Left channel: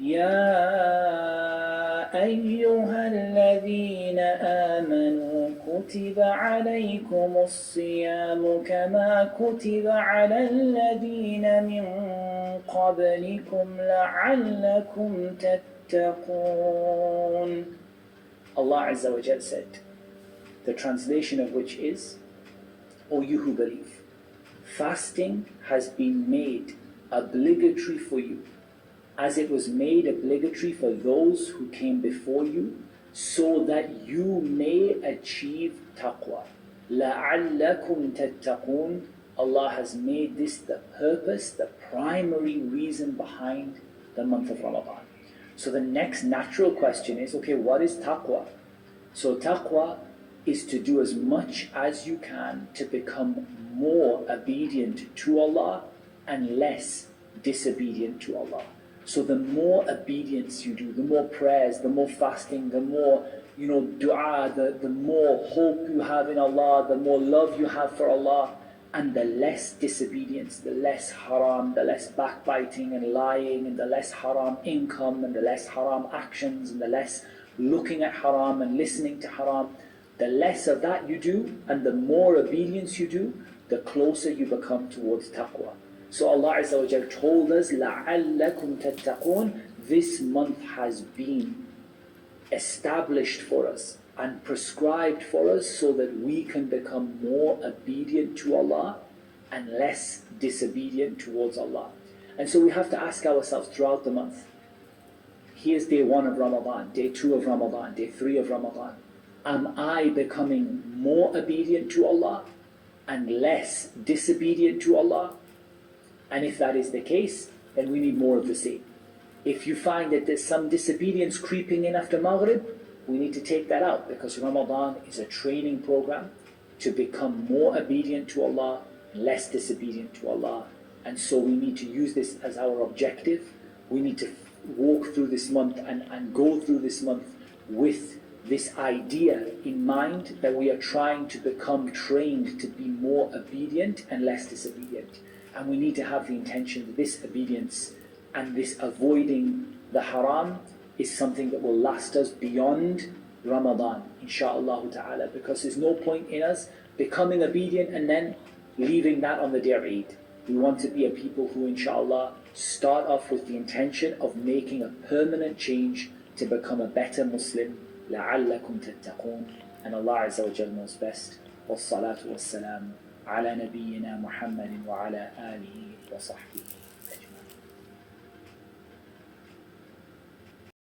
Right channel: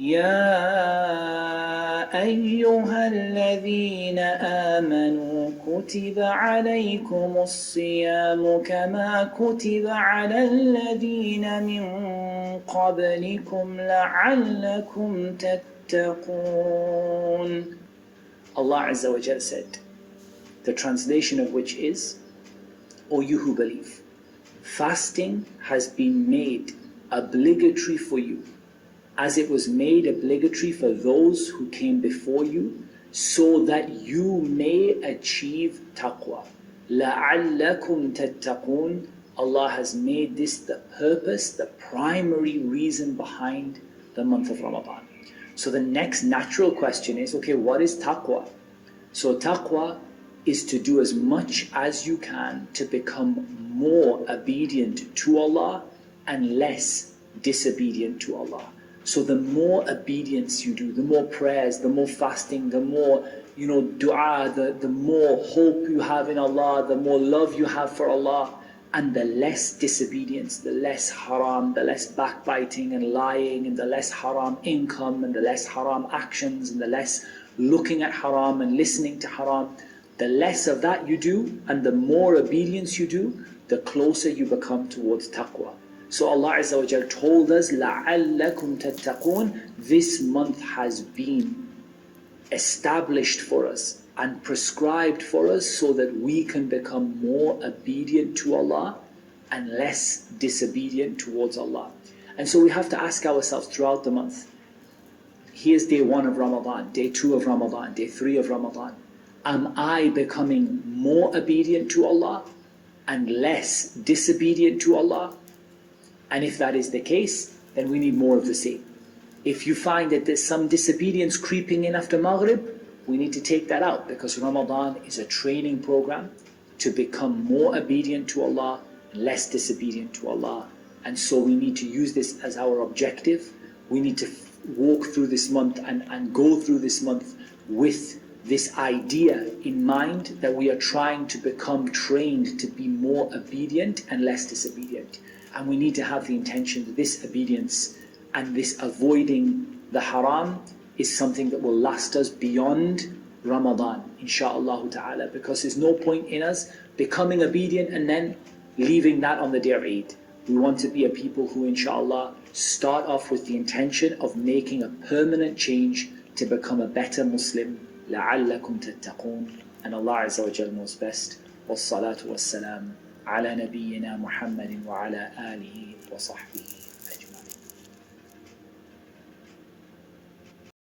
يا أيها الذين آمنوا كتب عليكم الصيام كما كتب على الذين من قبلكم لعلكم تتقون. Allah Azza wa Jal said, the translation of which is, O you who believe, fasting has been made obligatory for you, as it was made obligatory for those who came before you, so that you may achieve taqwa. لَعَلَّكُمْ تَتَّقُونَ. Allah has made this the purpose, the primary reason behind the month of Ramadan. So the next natural question is, okay, what is taqwa? So taqwa is to do as much as you can to become more obedient to Allah and less disobedient to Allah. So the more obedience you do, the more prayers, the more fasting, the more dua, the more hope you have in Allah, the more love you have for Allah, and the less disobedience, the less haram, the less backbiting and lying, and the less haram income, and the less haram actions, and the less looking at haram and listening to haram. The less of that you do and the more obedience you do, the closer you become towards taqwa. So Allah Azza wa Jal told us, لَعَلَّكُمْ تَتَّقُونَ. This month has been established for us and prescribed for us so that we can become more obedient to Allah and less disobedient towards Allah. And so we have to ask ourselves throughout the month, here's day 1 of Ramadan, day 2 of Ramadan, day 3 of Ramadan. Am I becoming more obedient to Allah and less disobedient to Allah? And if that is the case, then we need more of the same. If you find that there's some disobedience creeping in after Maghrib, we need to take that out, because Ramadan is a training program to become more obedient to Allah and less disobedient to Allah. And so we need to use this as our objective. We need to walk through this month and go through this month with this idea in mind that we are trying to become trained to be more obedient and less disobedient. And we need to have the intention that this obedience and this avoiding the haram is something that will last us beyond Ramadan, insha'Allah ta'ala, because there's no point in us becoming obedient and then leaving that on the day of Eid. We want to be a people who, insha'Allah, start off with the intention of making a permanent change to become a better Muslim. لَعَلَّكُمْ تَتَّقُونَ. And Allah Azza wa Jal knows best. وَالصَّلَاةُ وَالسَّلَامُ عَلَى نَبِيِّنَا مُحَمَّدٍ وَعَلَى آلِهِ وَصَحْبِهِ.